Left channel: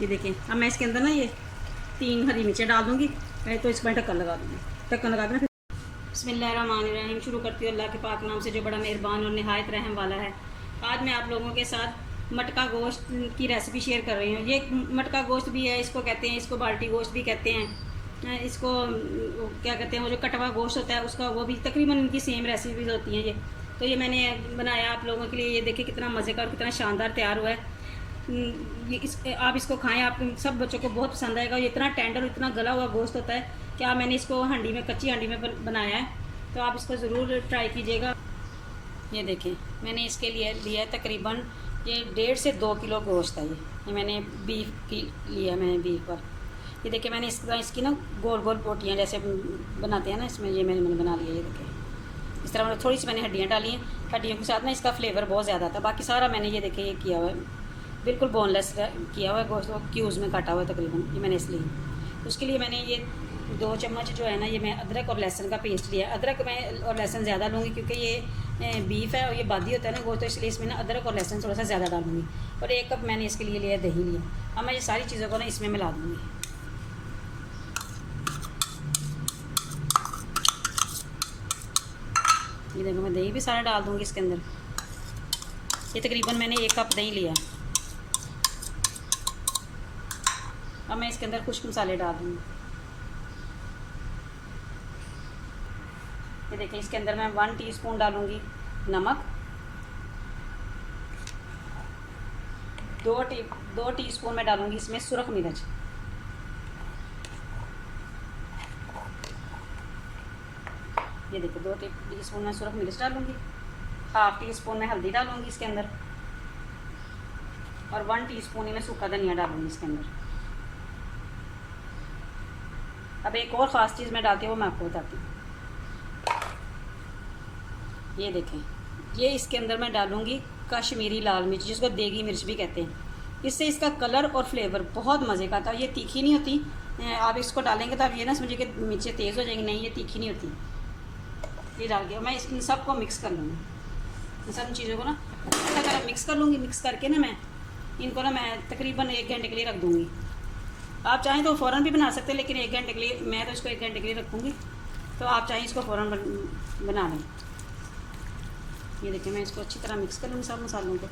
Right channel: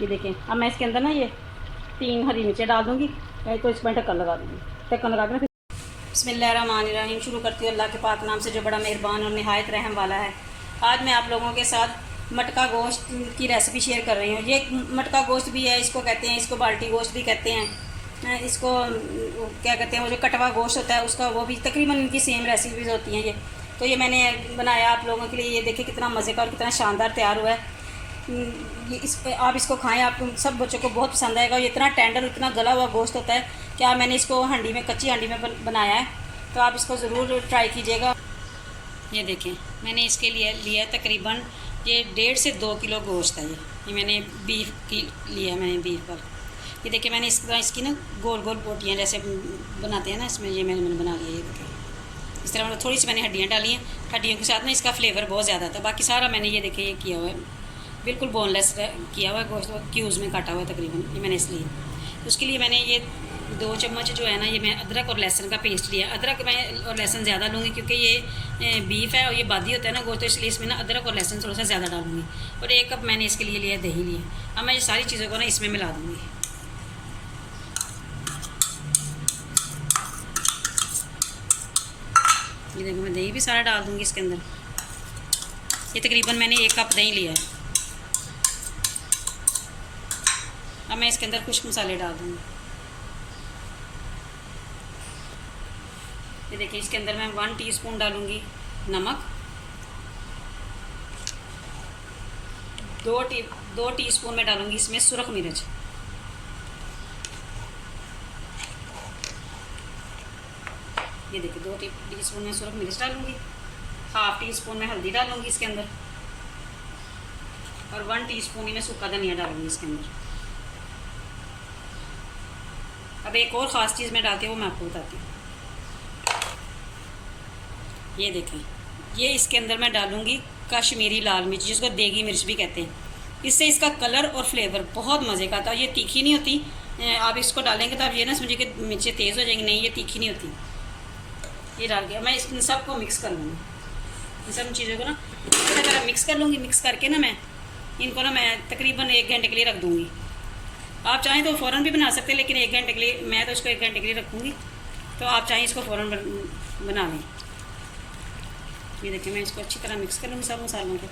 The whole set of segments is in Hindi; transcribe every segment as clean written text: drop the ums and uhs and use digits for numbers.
ये देखें, अब मैं इसके अंदर ना ये 3 हरी मिर्चें डाल दूँगी, तो इसमें ढक्कन लगा दूँगी। ढक्कन लगा के ना फिर बिस्मिल्लाहिर्रहमानिर्रहीम शुरू करती हूँ अल्लाह के पाक नाम से जो बड़ा मेहरबान और नहायत रहम वाला है। आज मैं आप लोगों के साथ मटका गोश्त की रेसिपी शेयर कर रही हूँ। ये मटका गोश्त भी है, इसको कहते हैं, इसको बाल्टी गोश्त भी कहते हैं, इसको क्या कहते हैं, वो जो कटवा गोश्त होता है उसका, वो भी तकरीबन इनकी सेम रेसिपीज़ होती हैं। ये तो ये मैंने बनाया आप लोगों के लिए। ये देखिए कितना मज़े का और कितना शानदार तैयार हुआ है। आप इसको खाएं, आप सब बच्चों को बहुत पसंद आएगा। ये इतना टेंडर, इतना गला हुआ गोश्त होता है कि मैंने इसको हांडी में, कच्ची हांडी में बनाया है, तो आप इसको ज़रूर ट्राई कीजिएगा। ये देखें, मैंने इसके लिए लिया है तकरीबन ये 1.5 से 2 किलो गोश्त है। ये मैंने बीफ की लिया है, मैंने बीफ पर। ये देखिए मैंने इसकी ना गोल गोल बोटियाँ जैसे बनाते हैं ना, इसमें ये मैंने बना लिया। ये देखिए इस तरह थोड़ी सी मैंने हड्डियाँ डाली हैं। हड्डियों के साथ ना इसका फ्लेवर बहुत ज़्यादा था। बाकी सारा मैंने ये देखिए ये किया हुआ है, बिल्कुल बोनलेस किया हुआ है गोश्त, क्यूज़ में काटा हुआ है तकरीबन। ये मैंने इसलिए उसके लिए मैंने ये 2 चम्मच जो है ना, ये मैं अदरक और लहसुन का पेस्ट लिया। अदरक मैं और लहसुन ज़्यादा लूँगी क्योंकि ये बीफ है और ये बादी होता है ना गोश्त, तो इसलिए इसमें ना अदरक और लहसुन थोड़ा सा ज़्यादा डालूँगी। और 1 कप मैंने इसके लिए लिया दही लिया। अब मैं ये सारी चीज़ों को ना इसमें मिला दूँगी। ये देखो मैं दही भी सारा डाल दूँगी इसके अंदर। ये तकरीबन मैंने 1 कप दही लिया है। अब मैं इसके अंदर कुछ मसाले डाल दूँगी। ये देखिए इसके अंदर मैं 1 टीस्पून डालूँगी नमक, 2 टीस्पून मैं डालूँगी इसमें सुरख मिर्च, ये देखिए 2 टीस्पून में सुरख मिर्च डालूँगी। 1/2 टीस्पून में हल्दी डालूँगी इसके अंदर, और 1 टीस्पून ही मैं सूखा धनिया डालूँगी इसके अंदर। अब एक और ख़ास चीज़ मैं डालती हूँ, वो मैं आपको बताती हूँ। ये देखें, ये इसके अंदर मैं डालूँगी कश्मीरी लाल मिर्च, जिसको देगी मिर्च भी कहते हैं। इससे इसका कलर और फ्लेवर बहुत मज़े का आता है। ये तीखी नहीं होती। आप इसको डालेंगे तो आप ये ना समझिए कि मिर्चें तेज़ हो जाएंगी, नहीं ये तीखी नहीं होती। ये डाल के मैं इन सबको मिक्स कर लूँगी। इन सब चीज़ों को ना अच्छी तरह मिक्स कर लूँगी। मिक्स करके ना मैं इनको ना मैं तकरीबन 1 घंटे के लिए रख दूँगी। आप चाहें तो फ़ौरन भी बना सकते हैं, लेकिन 1 घंटे के लिए, मैं तो इसको 1 घंटे के लिए रखूँगी। तो आप चाहें इसको फ़ौरन बना लें। ये देखिए मैं इसको अच्छी तरह मिक्स कर लूँगी सब मसालों को।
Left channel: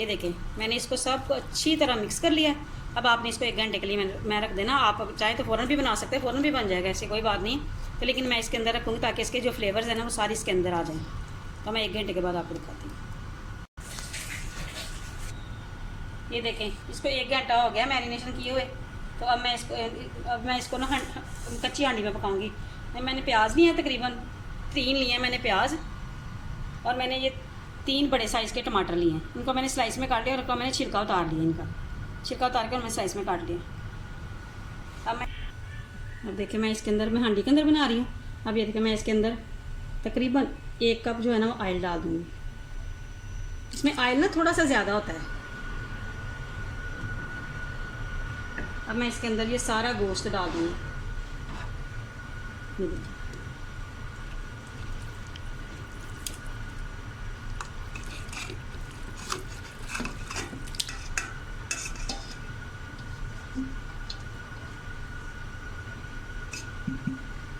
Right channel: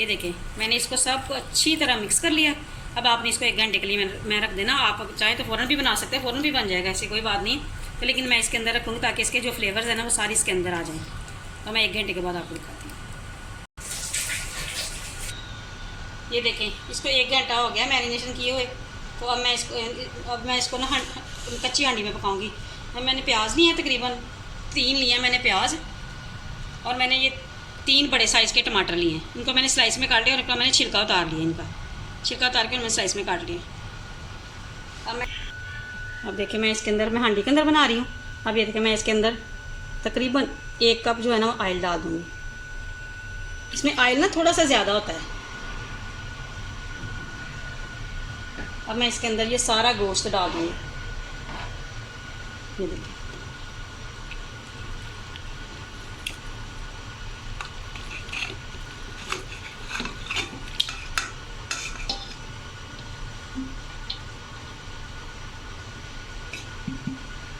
ये देखिए मैंने इसको सबको अच्छी तरह मिक्स कर लिया। अब आपने इसको 1 घंटे के लिए मैं रख देना। आप चाहे तो फ़ौरन भी बना सकते हैं, फ़ौरन भी बन जाएगा, ऐसी कोई बात नहीं। तो लेकिन मैं इसके अंदर रखूँगी ताकि इसके जो फ्लेवर्स हैं ना वो सारी इसके अंदर आ जाएँ। तो मैं 1 घंटे के बाद आपको दिखाती हूँ। ये देखें इसको 1 घंटा हो गया मैरिनेशन किए हुए। तो अब मैं इसको ना कच्ची हांडी में पकाऊँगी। मैंने प्याज लिए हैं तकरीबन 3 लिए हैं मैंने प्याज, और मैंने ये 3 बड़े साइज़ के टमाटर लिए हैं। इनको मैंने स्लाइस में काट लिया और इनका मैंने छिलका उतार लिया। इनका छिलका उतार के और मैंने स्लाइस में काट लिया। अब देखिए मैं इसके अंदर, मैं हांडी के अंदर बना रही हूँ। अब ये देखिए मैं इसके अंदर तकरीबन 1 कप जो है ना वो ऑयल डाल दूँगी। इसमें ऑयल ना थोड़ा सा ज़्यादा होता है। अब मैं इसके अंदर ये सारा गोश्त डाल दूँगी। ये देखिए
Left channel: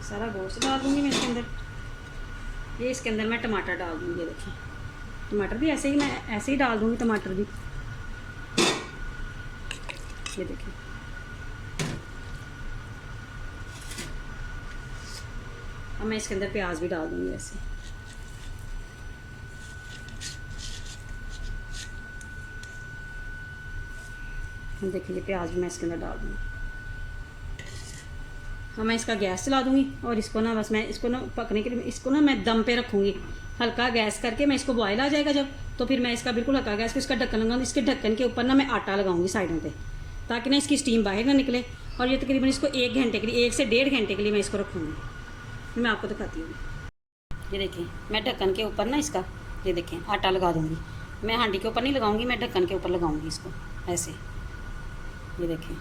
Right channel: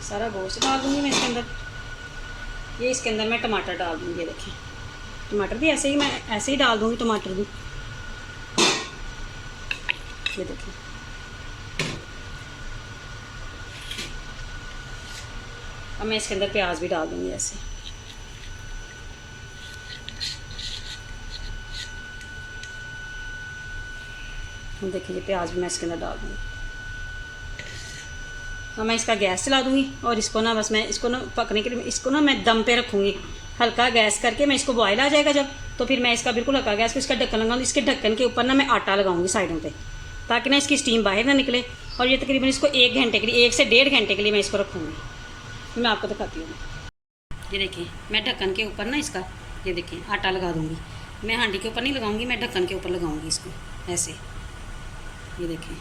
सारा गोश्त डाल दूँगी मैं इसके अंदर। ये इसके अंदर मैं टमाटर डाल दूँगी। ये देखिए टमाटर भी ऐसे ही, मैं ऐसे ही डाल दूँगी टमाटर भी। ये देखिए अब मैं इसके अंदर प्याज भी डाल दूँगी ऐसे। देखिए ये प्याज भी मैं इसके अंदर डाल दूँगी। तो मैं इसका गैस चला दूँगी और इसको ना बस मैं इसको ना पकने के लिए इसको ना मैं दम पे रखूँगी। हल्का गैस करके मैं इसको बॉयल आ जाएगा जब, तो फिर मैं इसका बिल्कुल हल्का गैस को इसका ढक्कन लगाऊँगी। इसके ढक्कन के ऊपर ना मैं आटा लगाऊँगी साइडों पे, ताकि ना इसकी स्टीम बाहर ना निकले। और ये तकरीबन इसको 1 घंटे के लिए, 1 से 1.5 घंटे के लिए मैं इसको रखूँगी। मैं आपको दिखाती हूँ। ये देखिए मैं ढक्कन के ऊपर ना इसका, ये देखिए आटा लगा दूँगी। मैं हांडी के ऊपर नहीं लगाऊँगी, मैं ढक्कन के ऊपर लगाऊँगी इसको ऐसे। ये देखिए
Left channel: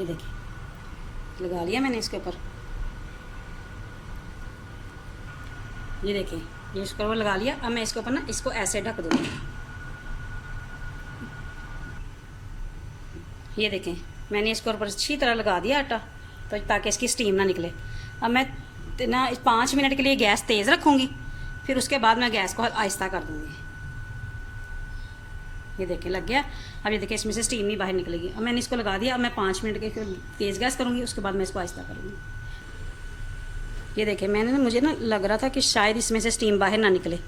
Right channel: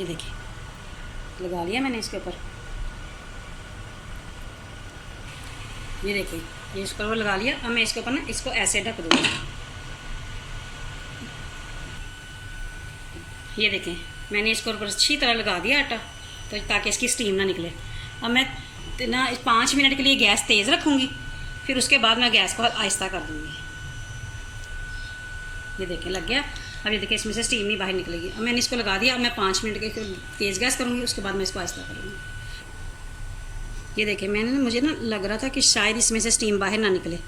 ये देखिए लगा लिया मैंने इसके ऊपर, ये देखिए ये इसका वो लगा लिया। अब मैं इसके ऊपर ना इसको ऐसे ढक दूँगी। ये देखें मैंने इसके ऊपर अच्छी तरह लगा दिया आटा, तो ताकि इसकी स्टीम ना निकले। अब मैं ना 5 मिनट के लिए गैस तेज़ रखूँगी, फिर उसके बाद मैं गैस को आहिस्ता कर दूँगी। ये देखिए लग गया। अब ये देखिए इसमें से स्टीम नहीं बाहर निकलेगी। अब मैंने इसको लगा दिया। अब मैं 5 मिनट के तेज़ गैस करूँगी, उसके बाद मैं इसको आहिस्ता करूँगी। ये देखिए मैंने मुझे ना लग रहा था कि शायद इसमें से स्टीम बाहर ना निकले,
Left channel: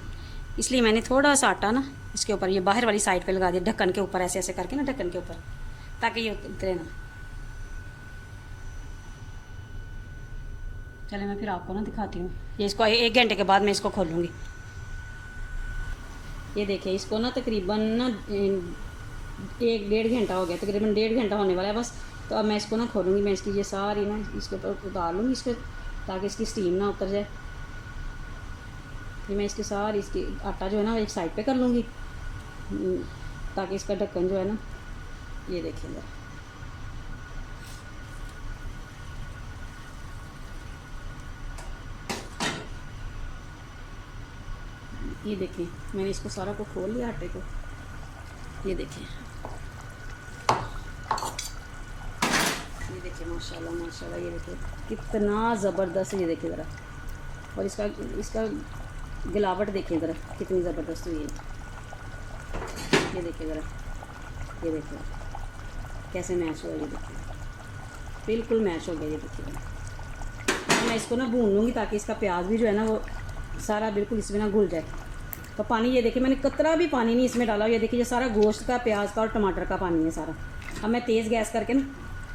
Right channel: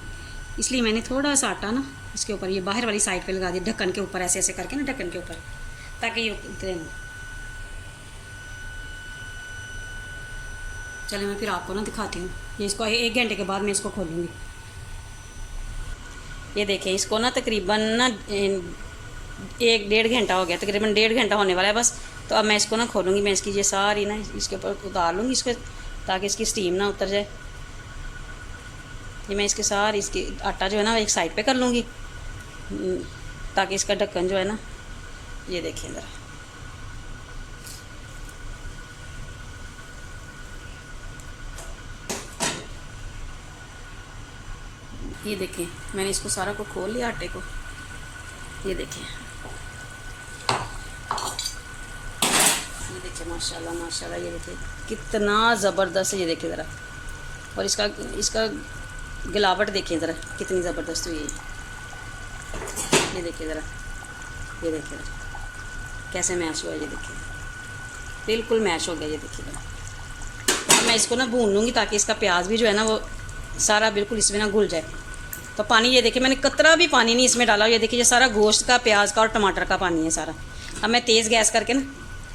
इसलिए मैंने थोड़ा सा आटा ना इसके ऊपर ये बाहर वाली साइड पे लगा दिया, ढक्कन के ऊपर ऐसे ऐसे करके ना ढक्कन के ऊपर, ताकि ये उतरे ना। चले मैं फिर आपको ना दिखाती हूँ। ये इसको 1 घंटे के बाद मैं इसको खोलूँगी। ये देखें इसको ना तकरीबन ना 1-1.5 घंटा हो गया, तकरीबन 1.5 घंटा होने वाला है बस। तो अब मैं इसको ना खोलूँगी, मैं इसकी ये सारी ना इसके ऊपर उतार लूँगी इसके, ताकि इसकी स्टीम ना उतर जाए। ये मैं इसके सारी इसकी आटा जो है ना एक साइड पे कर लूँगी, ताकि इसका ढक्कन जो है ना, ये देखिए ज़रा, ये देखिए मैंने इसको सारा को खोल लिया आटे को। ये देखिए माशाल्लाह माशाल्लाह, ये देखिए कितना ज़बरदस्त है। ये देखिए ज़रा, और इसका गिलावट देखिए ज़रा कितनी ज़बरदस्त हुई है। ये देखिए ज़रा, ये देखिए कैसे मैश हो गया। ये देखिए बिल्कुल मैश हो गया। ये देखिए मैं इसको ना भून लूँगी, ताकि इसका प्याज भी जो है ना वो सारा बिल्कुल इसमें ना घुल जाए। तो पानी ये देखिए मैंने कतरा भी पानी नहीं इसमें डाला। ये देखिए ये सारा गोश्त का, प्याज का और टमाटर का पानी है सारा। अब मैं तेज़ गैस करके ना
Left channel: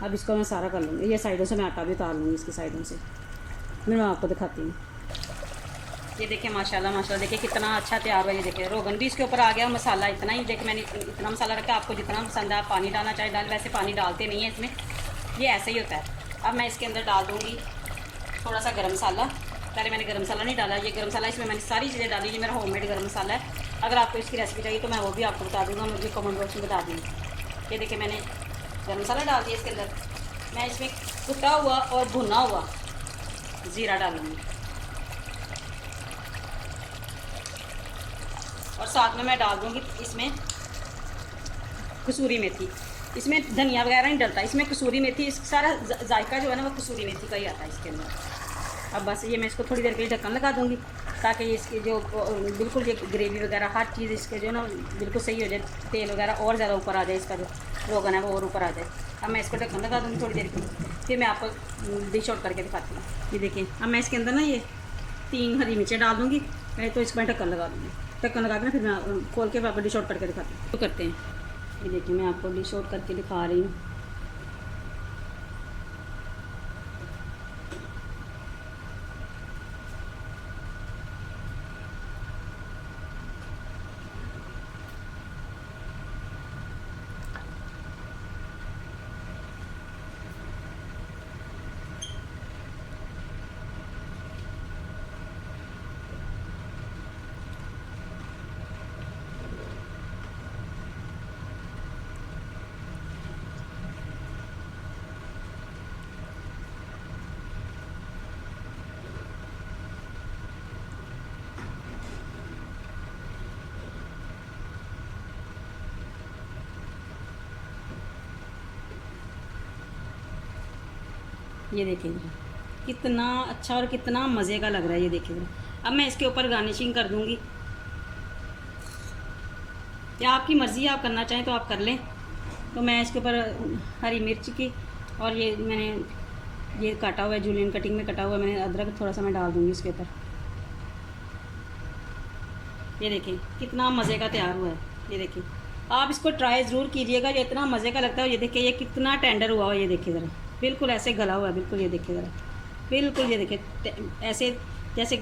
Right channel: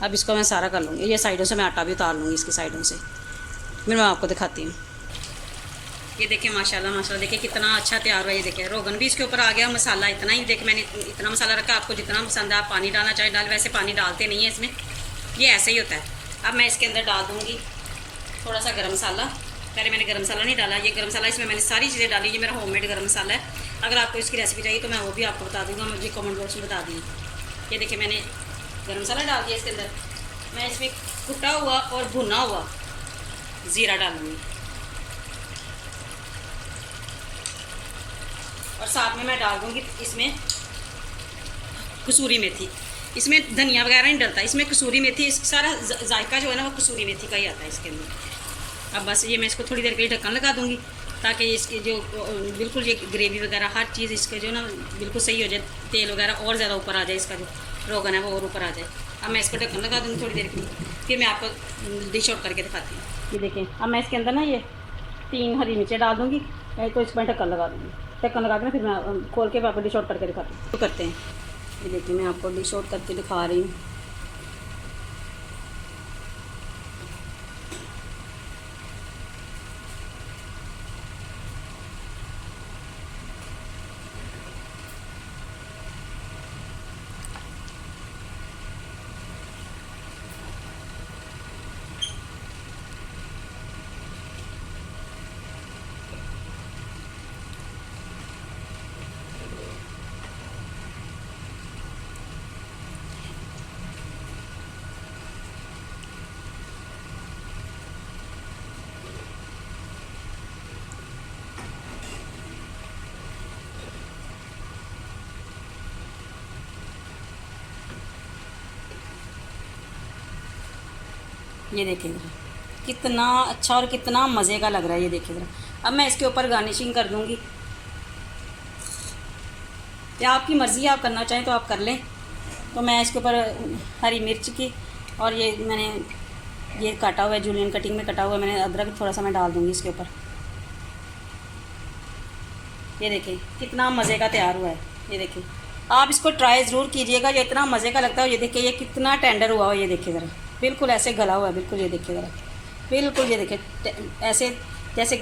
अब इसको मैं सारा कर लूँगी। ये साइडों से मैं आटा भी उतार लूँगी इसकी साइडों से, फिर मैं आपको दिखाती हूँ। ये देखिए माशाल्लाह माशाल्लाह, देखिए कितना अच्छा तैयार हुआ। ये देखिए रोगन भी इसके ऊपर आ गया, मसाला इतना ही, देखिए मैंने इतना मसाला रखा। आपको जितना पसंद है आप पानी डालना चाहे डाल, वैसे पानी डालते नहीं है इसमें, ये ऐसे ही होता है। अब मैं इसके अंदर डाल दूँगी थोड़ा सा गर्म मसाला। पहले मैंने गर्म मसाला नहीं डाला, ये गर्म मसाला इसमें मैंने सारी चीज़ें डाली। ये मेरा होममेड गर्म मसाला है। अगर आपको इसकी रेसिपी चाहिए तो मैं वो भी आपको बता दूँगा, मुझे कमेंट बॉक्स में बता दूँगी। ये देखिए मैंने गर्म मसाला डाल दिया इसके अंदर। मैं इसमें कुटा हुआ और भुना हुआ ज़ीरा डालूँगी, और साथ में मैं डाल दूँगी इसमें कसूरी मेथी। इसमें धनिया वगैरह नहीं डलता, इसमें कसूरी मेथी, सारा जायका जो है ना वो कसूरी मेथी का ही आता है इसके अंदर। अब बस ये मैं इसको थोड़ी देर के लिए ढक्कन लगा दूँगी, ताकि इसके जो बिल्कुल ये ग्रेवी वगैरह हर चीज़ इसके जो ना बिल्कुल सही हो जाए, तेल वगैरह और ज़्यादा ऊपर आ जाए, इसका जो रोगन है वो और ऊपर आ जाए। अब मैं इसको ढक्कन लगा दूँगी थोड़ी देर के लिए, फिर मैं आपको डिश आउट करके दिखाती हूँ। ये देखिए अब मैं इसके अंदर ना ये 3 हरी मिर्चें डाल दूँगी, तो इसको मैं ढक्कन लगा दूँगी। ढक्कन लगा के ना फिर मैं खोल के आपको डिश आउट करके दिखाती हूँ। तो करते हैं, ये देखिए मैं आपको डिश आउट करके दिखा रही हूँ। ये देखिए कितना अच्छा और कितना मज़े का लग रहा है। ये देखिए अब मैं इसके ऊपर गार्निशिंग कर दूँगी, या आपकी मर्ज़ी है, आप करना चाहें तो आप कर लें। तो मैं इसके ऊपर हरी मिर्च की, और ये मैंने ये काटा हुआ है, जूलियन कटिंग में कटा हुआ है मैंने अदरक, थोड़ा सा मैं डाल दूँगी इसके ऊपर। ये देखिए कितना मज़े का तैयार हुआ है। ये देखिए आप इसको ट्राई ज़रूर कीजिएगा, ये इतना मज़े का लगता है। ये देखिए ये कितना टेंडर हुआ हो, ये देखिए ज़रा बिल्कुल ऐसे गला हुआ है, बिल्कुल ये देखिए ज़रा बिल्कुल, ये देखिए ऐसे जैसे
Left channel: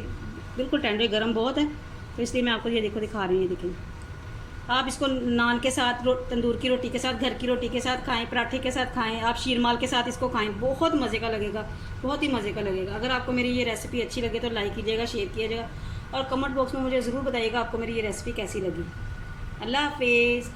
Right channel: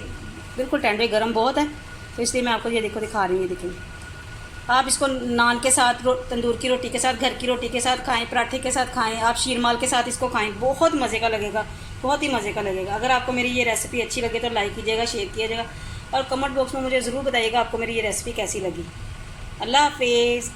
बिल्कुल टेंडर, गर्म बहुत है, तो इसलिए मैं आपको ये देखो दिखा रही हूँ। ये देखिए आप इसको नान के साथ, तंदूर की रोटी के साथ, घर की रोटी के साथ खाएं, पराठे के साथ खाएं, आप शीरमाल के साथ इसको खाएं, बहुत मज़े का लगेगा, बहुत ही मज़े का लगेगा। अगर आपको मेरी ये रेसिपी अच्छी लगे तो लाइक कीजिएगा, शेयर कीजिएगा, और कमेंट बॉक्स में मुझे ज़रूर बताइएगा आपको मेरी ये रेसिपी कैसी लगी। अल्लाह हाफिज़।